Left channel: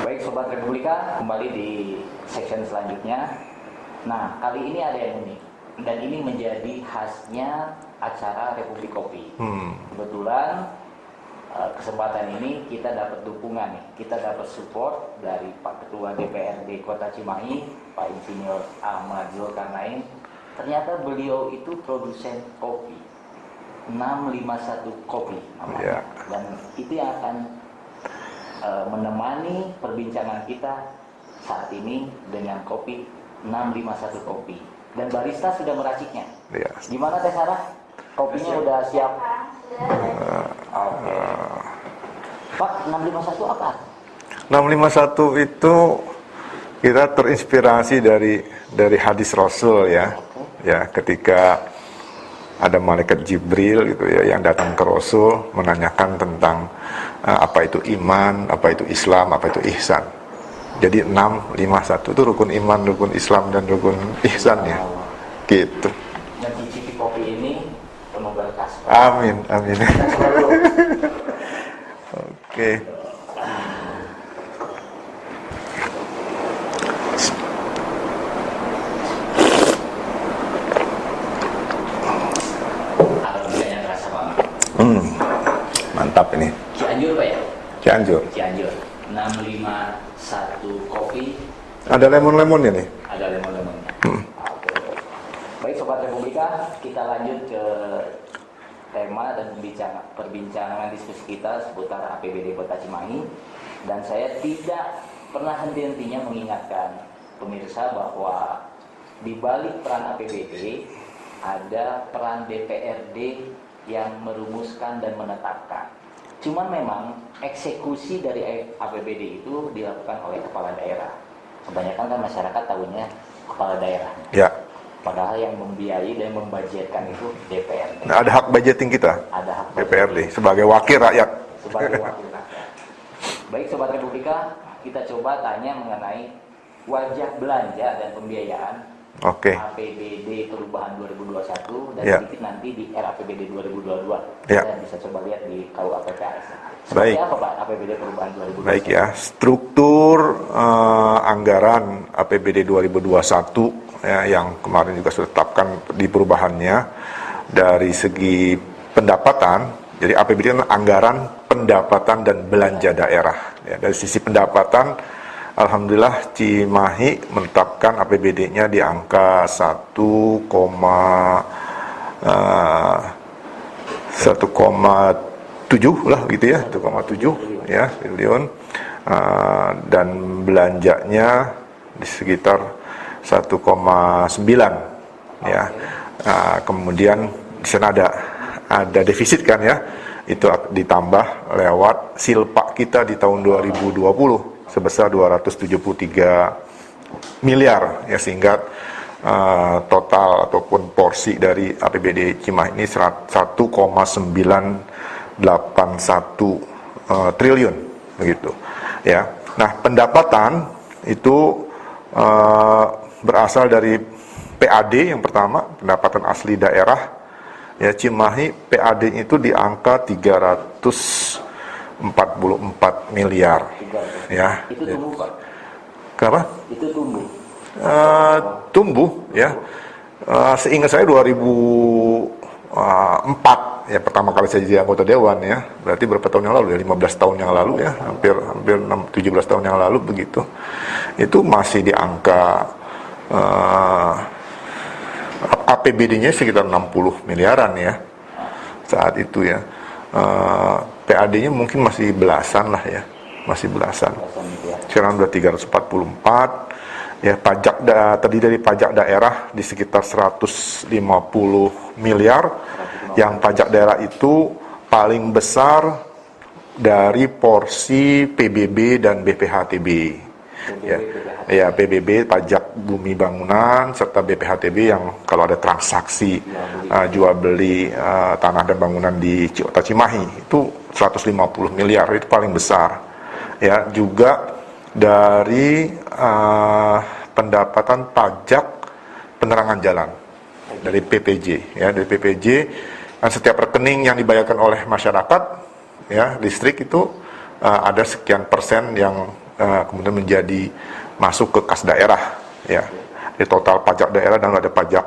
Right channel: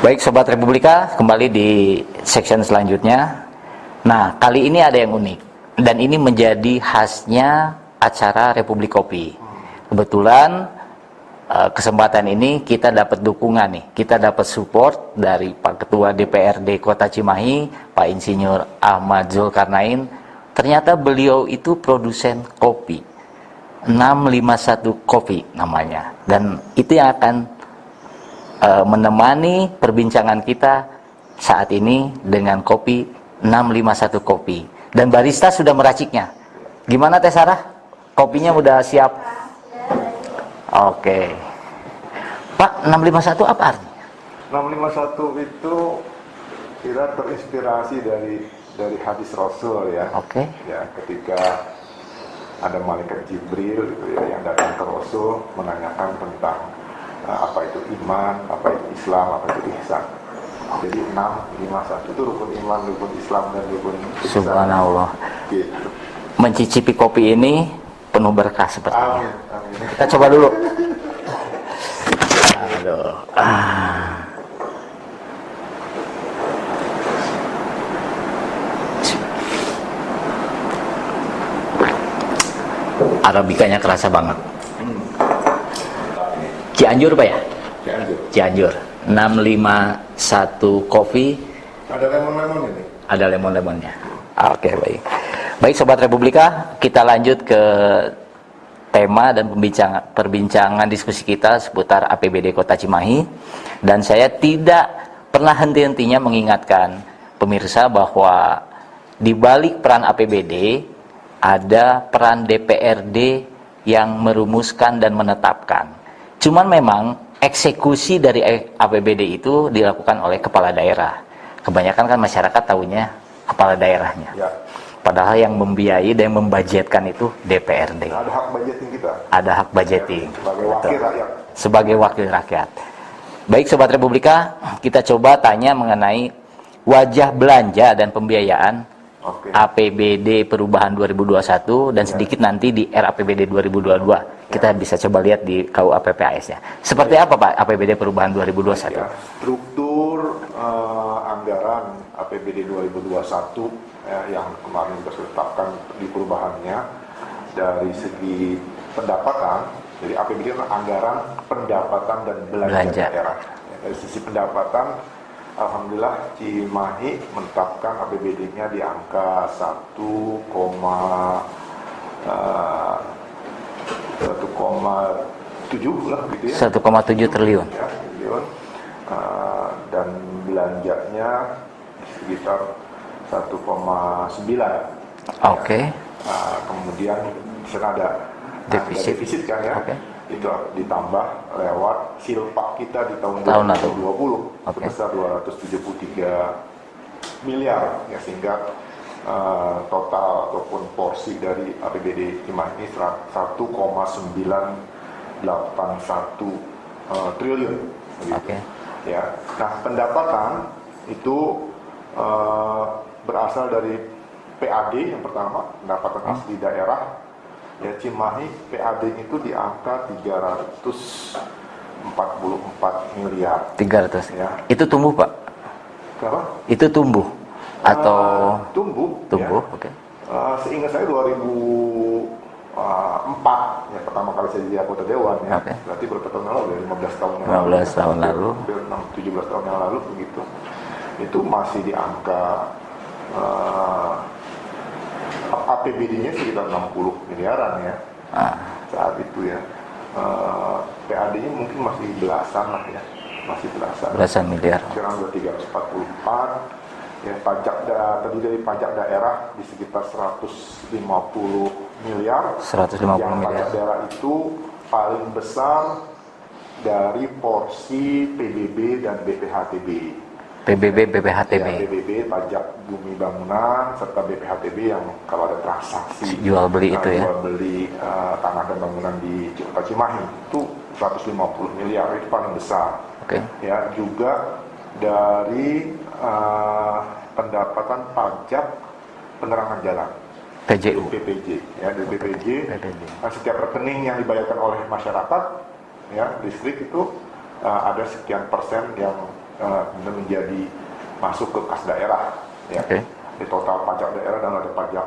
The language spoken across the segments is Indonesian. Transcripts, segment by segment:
Baik Sobat Republika, kembali di section selanjutnya. Nah, kali ini ada yang unik dan ini menjadi khasnya acara Republik Kopi. Kebetulan kesempatan ini kita dapat dukungan nih, kita dapat support dari Pak Ketua DPRD Kota Cimahi, Pak Insinyur Ahmad Zulkarnain. Ternyata beliau itu produsen kopi, 651 Kopi namanya, dan itu yang akan menemani perbincangan kita saat ini dengan kopi 651 Kopi. Dan barista sudah meraciknya. Ya. Gimana Teh Sarah? Kopinya udah siap? Oke. Pak, 651 apa artinya? 651 itu kita terinspirasi dari hadis Rasul ya. Oke. Ya, ketika ada malaikat Jibril gitu ya yang datang ke Rasul menanyakan tentang apa itu iman, apa itu Islam, apa itu ihsan. Jadi 651 itu rukun iman, rukun Islam, dan rukun ihsan. Subhanallah. Gitu. Mencicipi kopi ini penuh berkah seperti ini. Amin, amin. Kita coba dulu. Oke. Aduh. Arabikanya kerasa banget. Mantap ini. Cianjur Pak ya? Cianjur. Cianjur. 651 Kopi. Ada lemon-lemon ini. Ada lemon-lemonnya. Oke, baik. Baik Sobat Republika, kita lanjut ke tema dan perbincangan diskusi kita seputar APBD Kota Cimahi. Dan saya tidak pernah henti-hentinya mengingatkan pemirsa bahwa di balik peran APBD ada peran DPRD yang merumuskan dan menetapkan. Cuman memang eksekusi dari APBD itu dilakukan oleh kepala daerah. Kebanyakan kan masyarakat tahunya kepala daerahnya. Ya. Padahal yang membiayai dan membudgetkan itu DPRD. Nah, ada hak budgeting kita. Ada hak budgeting. DPRD sebagai wakil rakyat. Sebagai wakil rakyat. Baik Sobat Republika, kita coba tanya mengenai wajah belanja dan pembiayaan Oke. APBD perubahan 2021 dan Ya. sedikit nanti di RAPBD 2022. Kita bisa coba lihat di KUAPPAS ya. Seperti Baik. apa Pak APBD perubahan 2021? Baik ya, struktur anggaran APBD 2021 ya, yang kemarin juga sudah ditetapkan di perubahannya dari segi pendapatan. Jadi APBD kan anggaran pendapatan dan belanja daerah. Ya, dari sisi pendapatan, alhamdulillah Cimahi menetapkan APBD-nya di angka 1,7 lah gitu ya. 1,7 triliun. Ya, triliun. Dan belanjanya di sekitar 1,9. Ya. Oke. Kemudian di sana ada defisit kan ya. Itu ditambah lewat silpa kita di tahun 2020 sebesar 273 miliar ya, sehingga total ataupun porsi dari APBD Cimahi ini 1,981 triliun begitu. Ya. Nah, pendapatan itu berasal dari PAD yang pertama, pendapatan asli daerah. Ya, Cimahi PAD itu di angka 344 miliar. 300. Ya. Itu tumbuh Pak? Kenapa? Itu tumbuh atau tumbuh ya. Oke. Seingat saya 2004 ya, pertama kali saya jadi anggota dewan ya. Berarti berapa tahun yang lalu ya? 15 tahun yang lalu ya. Hampir 17 tahun yang lalu begitu. Itu masih di angka APBD-nya sekitar 60 miliaran ya. Saat itu ya. PAD-nya mungkin masih belasan lah ya. Masih belasan miliar. sekarang udah 344 ya. Pajak terdiri dari pajak daerah di sekitar 150 miliar. 150 yang pajak daerah itu paling besar dari porsi PBB dan BPHTB. PBB, BPHTB. Ya, PBB pajak bumi bangunan serta BPHTB yang kalau ada transaksi jual beli tanah dan bangunan di Kota Cimahi itu 150 miliar, itu paling besar. Ya, juga dari pendapatan pajak penerangan jalan dari PPJ ya, dari PPJ. Kan setiap rekening yang dibayarkan oleh masyarakat ya, listrik itu ada sekian persen yang kemudian menjadi masuk ke kas daerah, ya. Di total pajak daerah dan ada pajak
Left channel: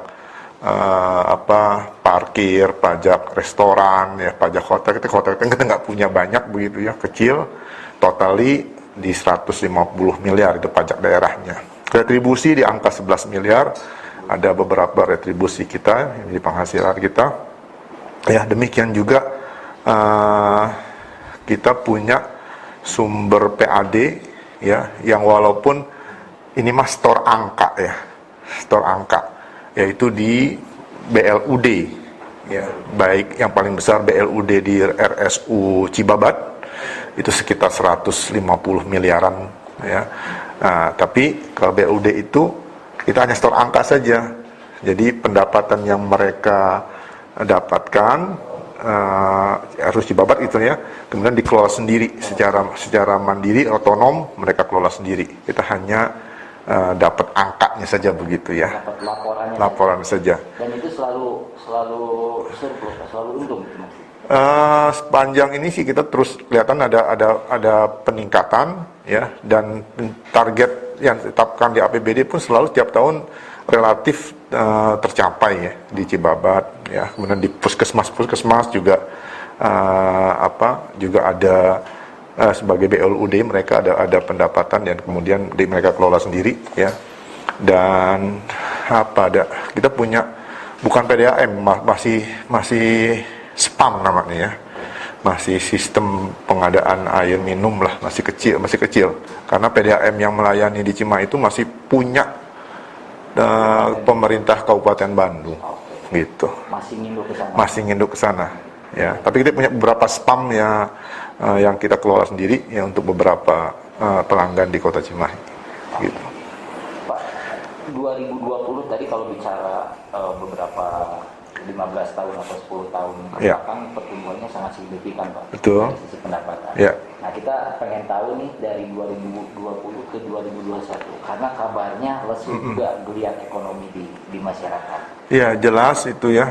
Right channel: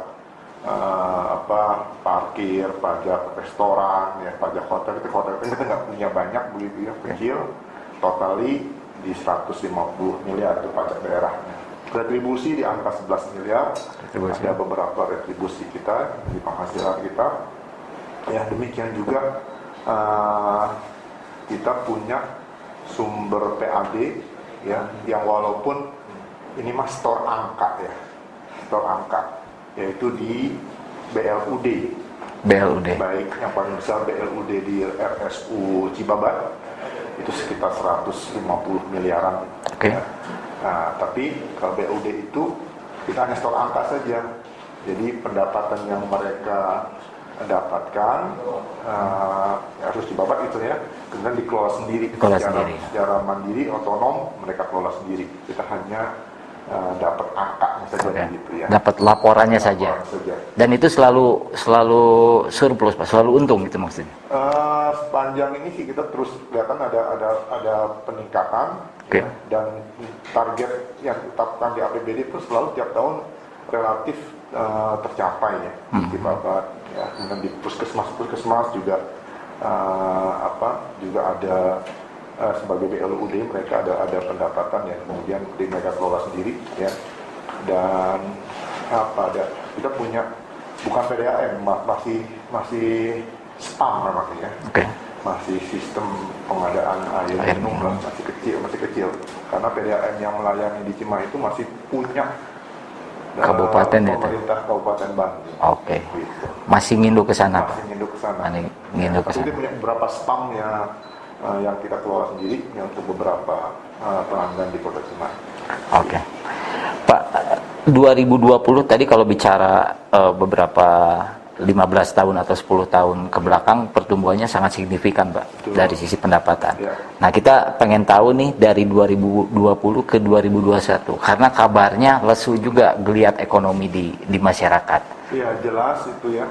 parkir, pajak restoran, ya, pajak hotel. Hotel kita nggak punya banyak begitu ya, kecil. Totali di 150 miliar itu pajak daerahnya. Retribusi di angka 11 miliar. Ada beberapa retribusi kita di penghasilan kita. Ya, demikian juga kita punya sumber PAD, ya, yang walaupun ini mah store angka, ya, store angka, yaitu di BLUD. Baik yang paling besar BLUD di RSU Cibabat itu sekitar 150 miliaran, ya. Nah, tapi kalau BLUD itu kita hanya store angka saja. Jadi pendapatan yang mereka dapatkan harus Cibabat itu, ya, kemudian dikelola sendiri secara mandiri, otonom, mereka kelola sendiri. Kita hanya dapat angkanya saja, begitu ya. Dapat laporan saja. Dan itu selalu surplus, Pak, selalu untung gitu maksudnya. Sepanjang ini sih kita terus kelihatan ada peningkatan, ya, dan target yang ditetapkan di APBD pun selalu setiap tahun relatif tercapai, ya, di Cibabat, ya. Kemudian di puskesmas juga juga ada sebagai BLUD mereka ada pendapatan dan kemudian mereka kelola sendiri, ya. Dan kita punya bukan PDAM, masih SPAM namanya, ya. Masih sistem pengadaan air minum lah, masih kecil karena PDAM yang melayani di Cimahi itu masih punya pemerintah Kabupaten Bandung. Gitu. Masih nginduk ke sana. Ya, tapi kita punya beberapa SPAM yang kita kelola sendiri, ya, untuk beberapa pelanggan di Kota Cimahi. Gitu. Pak, 2020 tadi kalau bicara beberapa 15 tahun atau 10 tahun ke belakang, pertumbuhannya sangat signifikan, Pak. Betul. Dari sisi pendapatan. Ya. Nah, kita pengen tahu nih dari 2020 ke 2021 karena kabarnya lesu juga geliat ekonomi di masyarakat. Ya, jelas itu, ya,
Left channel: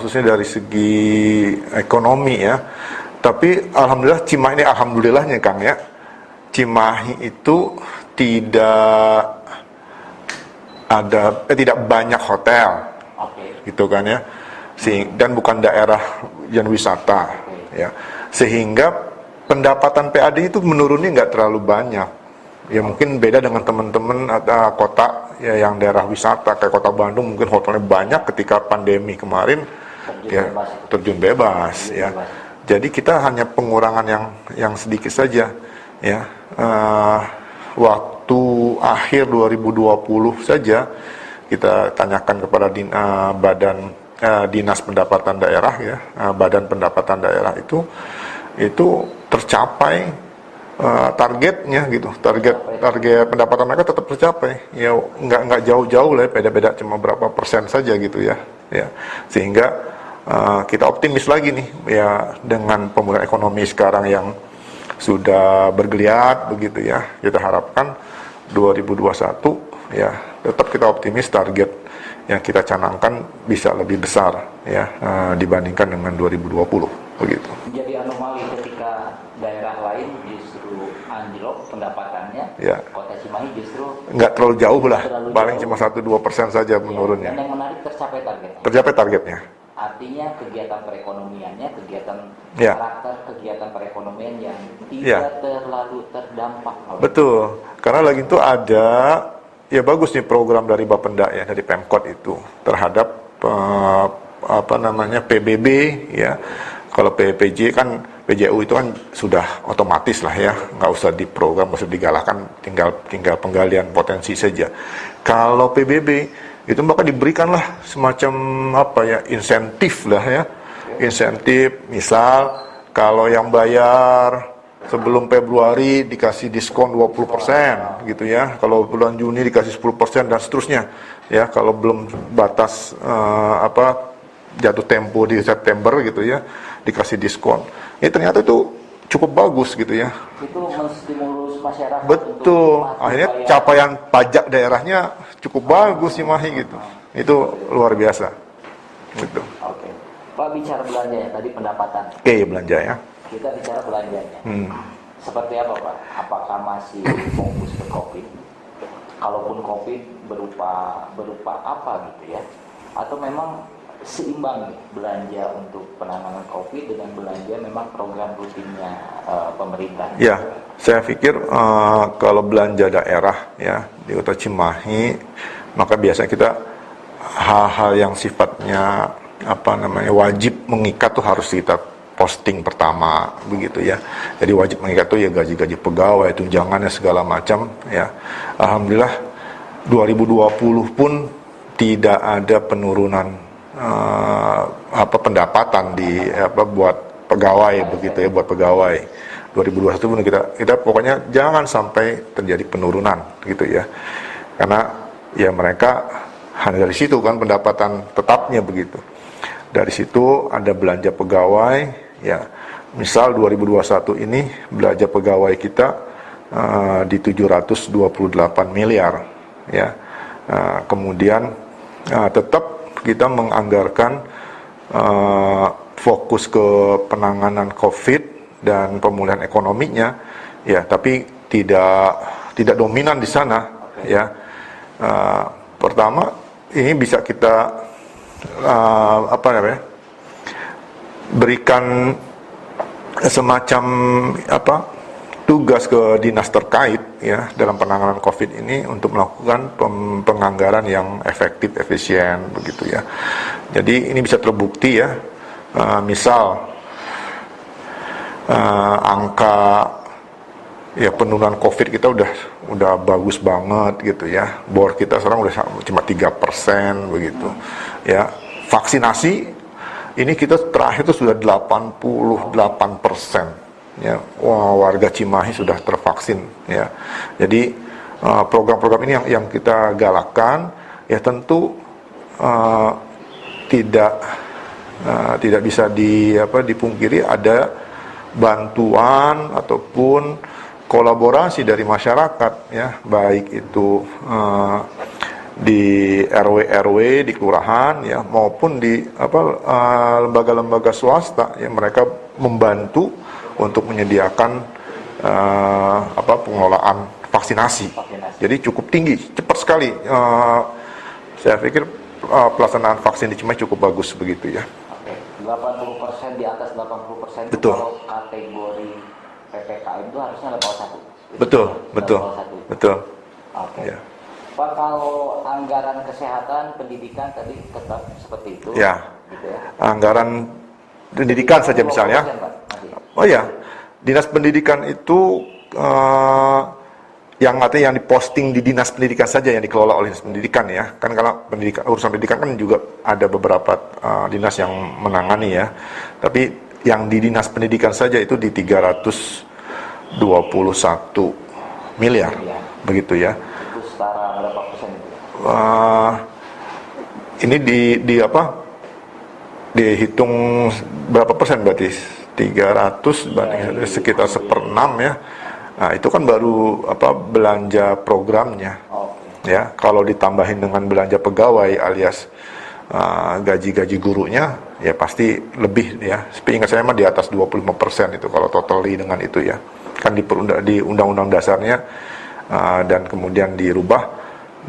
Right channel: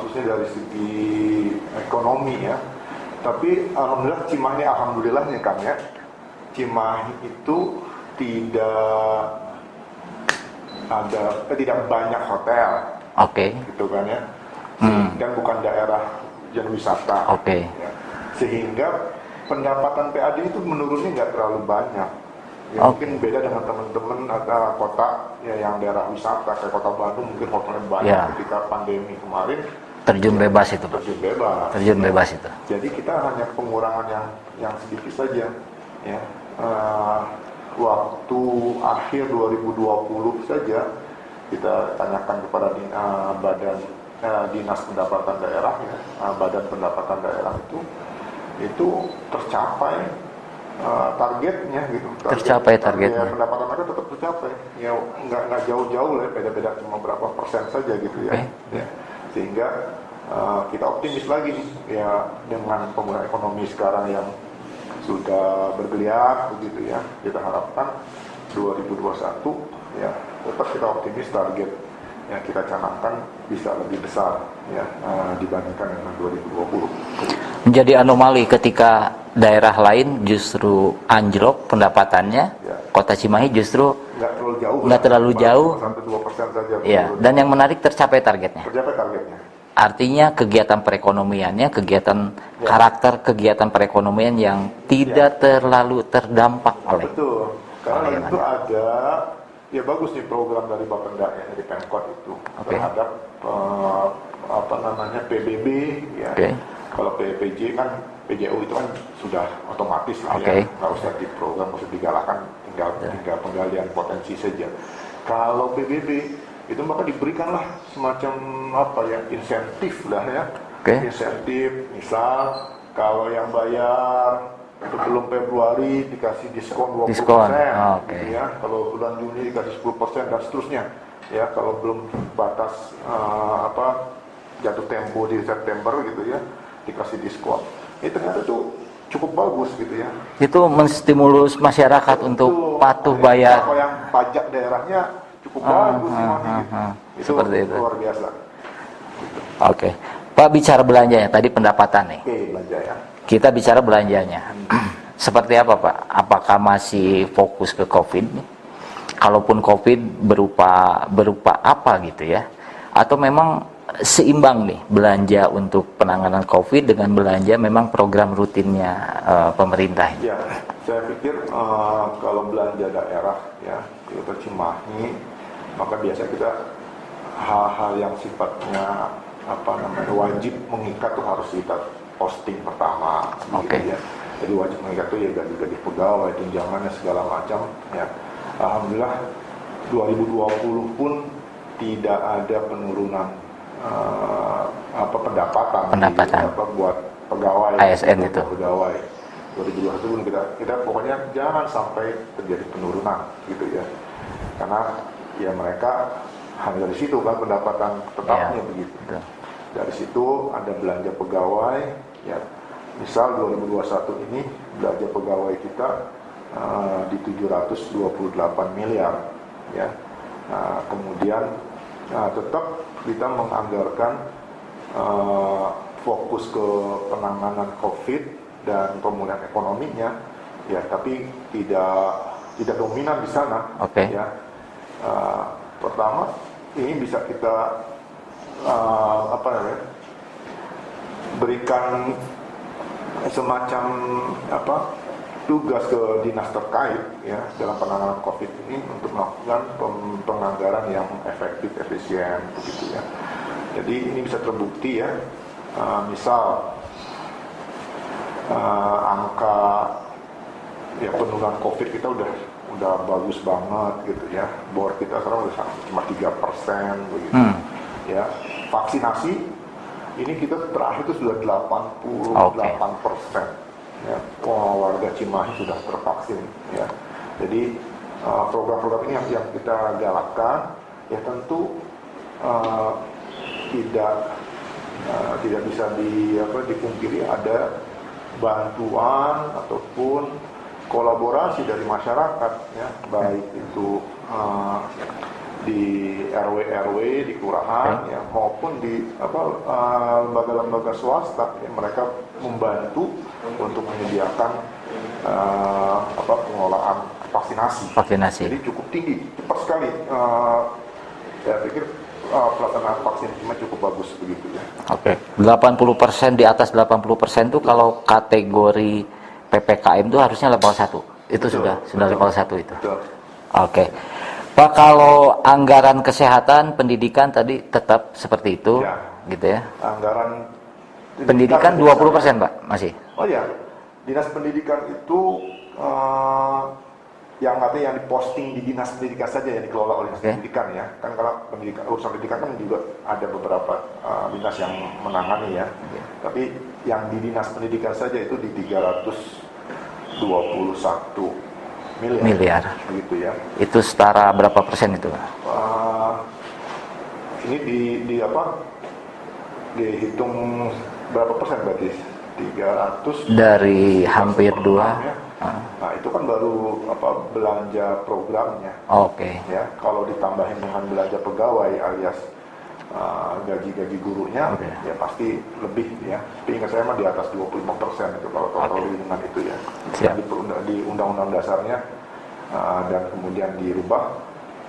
khususnya dari segi ekonomi, ya. Tapi alhamdulillah Cimahi ini, alhamdulillahnya Kang, ya, Cimahi itu tidak banyak hotel. Gitu kan, ya. Dan bukan daerah yang wisata. Ya. Sehingga pendapatan PAD itu menurunnya nggak terlalu banyak. Ya, mungkin beda dengan teman-teman kota, ya, yang daerah wisata kayak Kota Bandung, mungkin hotelnya banyak, ya. Ketika pandemi kemarin terjun bebas itu. Jadi kita hanya pengurangan yang sedikit saja, ya. Waktu akhir 2020 saja kita tanyakan kepada Dinas Pendapatan Daerah, ya, Badan Pendapatan Daerah itu tercapai targetnya, gitu. Target pendapatan mereka tetap tercapai, ya, nggak jauh-jauh lah, beda-beda cuma berapa persen saja, gitu, ya. Ya, sehingga kita optimis lagi nih, ya, dengan pemulihan ekonomi sekarang yang sudah bergeliat, begitu, ya. Kita harapkan 2021, ya, tetap kita optimis target yang kita canangkan bisa lebih besar, ya, dibandingkan dengan 2020, begitu. Menjadi anomali ketika daerah lain justru anjlok pendapatannya, ya. Kota Cimahi justru nggak terlalu jauh, cuma 1-2% saja menurun. Ya. Dan yang menarik tercapai targetnya. Artinya kegiatan perekonomiannya, karakter kegiatan perekonomian yang tidak terlalu terdampak oleh. Betul, karena lagi itu ada, ya, bagus nih program dari Bapenda, ya, dari Pemkot itu terhadap PBB, ya. Kalau PPJ kan, PJU itu kan sudah otomatis lah, ya, nggak usah diprogram, nggak usah digalakkan, tinggal penggalian potensi saja. Kalau PBB itu maka diberikanlah semacam insentif lah, ya. Insentif, misal kalau yang bayar sebelum Februari dikasih diskon 20%, gitu, ya. Kalau bulan Juni dikasih 10% dan seterusnya, ya. Kalau belum batas jatuh tempo di September, gitu, ya, dikasih diskon. Ini ternyata itu cukup bagus, gitu, ya. Itu menstimulus masyarakat untuk patuh bayar. Capaian pajak daerahnya cukup bagus, Cimahi, gitu. Itu luar biasa. Gitu. Pak, bicara belanjanya tadi pendapatan nih. Belanja, ya. Kita bicara belanjanya. seperti apa Pak? Apakah masih fokus ke COVID? Kalaupun COVID berupa apa gitu ya? Atau memang seimbang nih belanja untuk penanganan COVID dengan belanja memang program rutinnya pemerintah? Ya, saya pikir kalau belanja daerah ya di Kota Cimahi, maka biasanya kita hal-hal yang sifatnya wajib mengikat tuh harus kita posting pertama begitu ya. Jadi wajib mengikat tuh ya gaji-gaji pegawai, tunjangannya segala macam ya. Alhamdulillah 2020 pun tidak ada penurunan pendapatan di buat pegawai gitu ya, buat pegawai. 2021 pun kita pokoknya jangan sampai terjadi penurunan gitu ya. Karena ya mereka hanya dari situ kan pendapatan tetapnya begitu. Dari situ ada belanja pegawai ya. Misal 2021 ini belanja pegawai kita di 728 miliar ya. Kemudian tetap kita menganggarkan fokus ke penanganan COVID dan pemulihan ekonominya ya, tapi tidak dominan di sana ya. Pertama ini bisa kita berikan semacam tugas ke dinas terkait ya dalam penanganan COVID ini untuk melakukan penganggaran yang efektif, efisien begitu ya. Jadi ini bisa terbukti ya, misal angka ya penurunan COVID kita udah bagus banget gitu ya. Bor kita sekarang udah cuma 3% begitu. Ya, vaksinasi ini kita terakhir itu sudah 88%. Ya, warga Cimahi sudah tervaksin ya. Jadi program-program ini yang kita galakkan ya tentu tidak bisa dipungkiri ada bantuan ataupun kolaborasi dari masyarakat ya, baik itu di RW di kelurahan ya maupun di lembaga-lembaga swasta yang mereka membantu untuk menyediakan pengelolaan vaksinasi. Jadi cukup tinggi, cepat sekali. Saya pikir pelaksanaan vaksin di Cimahi cukup bagus begitu ya. 80%, di atas 80% itu kalau kategori PPKM itu harusnya level 1. Itu sudah level 1 itu. Ya. Pak, kalau anggaran kesehatan, pendidikan tadi tetap seperti itu ya. Gitu ya. Anggaran pendidikan saja 20% misalnya. Pak, masih. Oh ya. Dinas pendidikan itu yang diposting di dinas pendidikan saja yang dikelola oleh dinas pendidikan ya. Kan kalau urusan pendidikan kan juga ada beberapa dinas yang menangani ya. Tapi yang di dinas pendidikan saja itu di 321 miliar. Begitu ya. Itu setara berapa persen itu? Ini dihitung berapa persen berarti? 300 dari sekitar hampir 1/6 ya. Nah, itu kan baru belanja programnya. Ya, kalau ditambahin dengan belanja pegawai alias gaji-gaji gurunya ya pasti lebih ya. Seingat saya mah di atas 25% itu kalau totally dengan itu ya. Kan di undang-undang dasarnya dan kemudian dirubah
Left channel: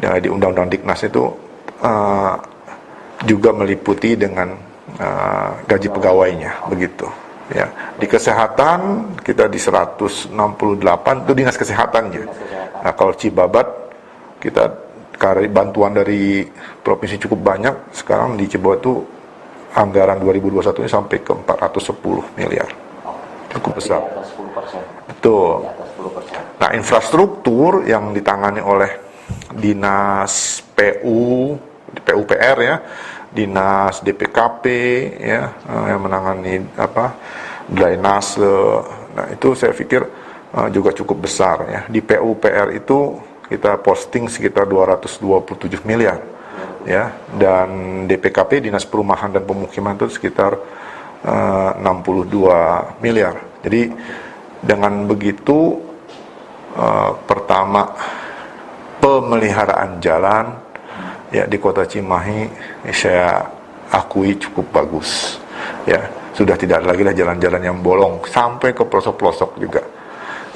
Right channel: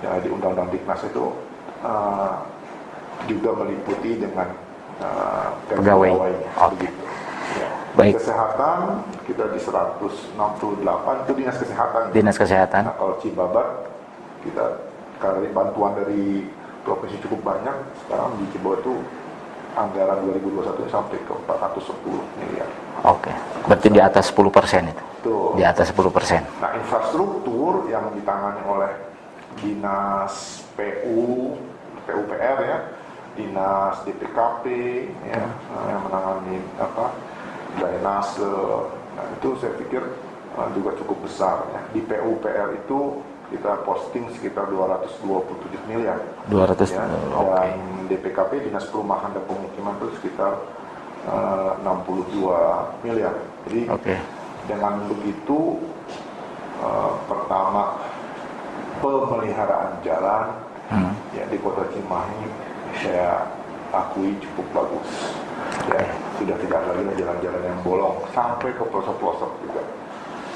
ya, di undang-undang Diknas itu juga meliputi dengan gaji pegawainya begitu. Ya. Di kesehatan kita di 168 itu dinas kesehatan. Dinas kesehatan. Nah, kalau Cibabat kita bantuan dari provinsi cukup banyak. Sekarang di Cibabat itu anggaran 2021 ini sampai ke 410 miliar. Berarti besar. Di atas 10% itu. Betul. Di atas 10%. Nah, infrastruktur yang ditangani oleh dinas PUPR ya, dinas DPKP ya, yang menangani drainase. Nah, itu saya pikir juga cukup besar ya. Di PUPR itu kita posting sekitar 227 miliar. 200 ya. Dan DPKP Dinas Perumahan dan Pemukiman itu sekitar 62 miliar. Jadi dengan begitu pertama pemeliharaan jalan ya di Kota Cimahi saya akui cukup bagus. Ya, sudah tidak lagi lah jalan-jalan yang bolong sampai ke pelosok-pelosok juga.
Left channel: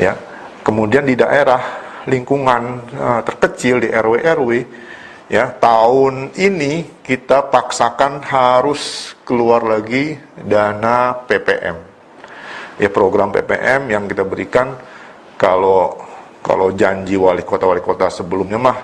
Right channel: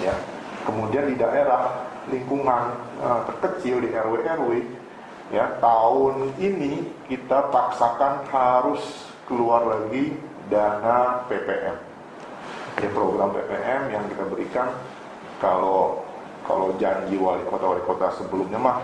ya. Kemudian di daerah lingkungan terkecil di RW-RW, ya, tahun ini kita paksakan harus keluar lagi dana PPM. Ya, program PPM yang kita berikan, kalau janji wali kota sebelumnya mah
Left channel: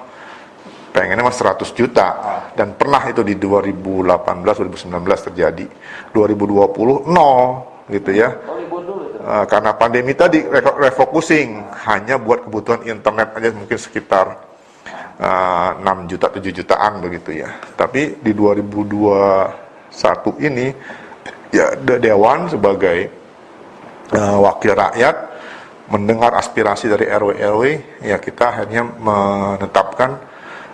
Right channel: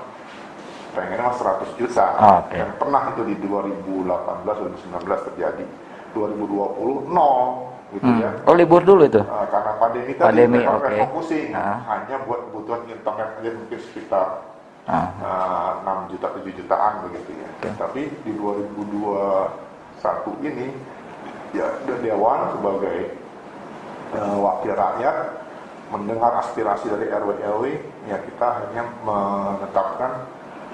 pengennya mah 100 juta. Okay. Dan pernah itu di 2018 2019 terjadi. 2020 nol gitu ya. Oh, libur dulu itu. Karena pandemi tadi Pandemi, okay. refocusing hanya buat kebutuhan internet aja mungkin sekitar 6 juta 7 jutaan begitu ya. Tapi di 2021 ini ya Dewan sebagai wakil rakyat mendengar aspirasi dari RW-RW, ya kita akhirnya menetapkan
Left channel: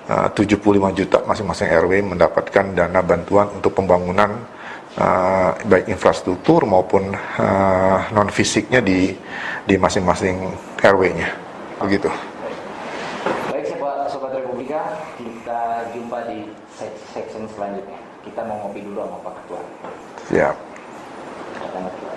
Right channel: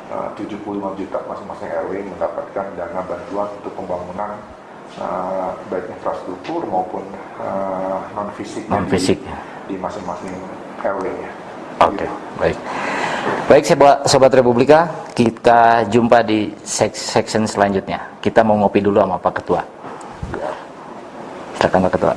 75 juta masing-masing RW mendapatkan dana bantuan untuk pembangunan baik infrastruktur maupun non fisiknya di masing-masing RW-nya. Begitu. Baik. Baik, sobat Republika, kita jumpa di section selanjutnya. Kita mau ngopi dulu sama Pak Ketua. Siap. Silakan Pak Ketua.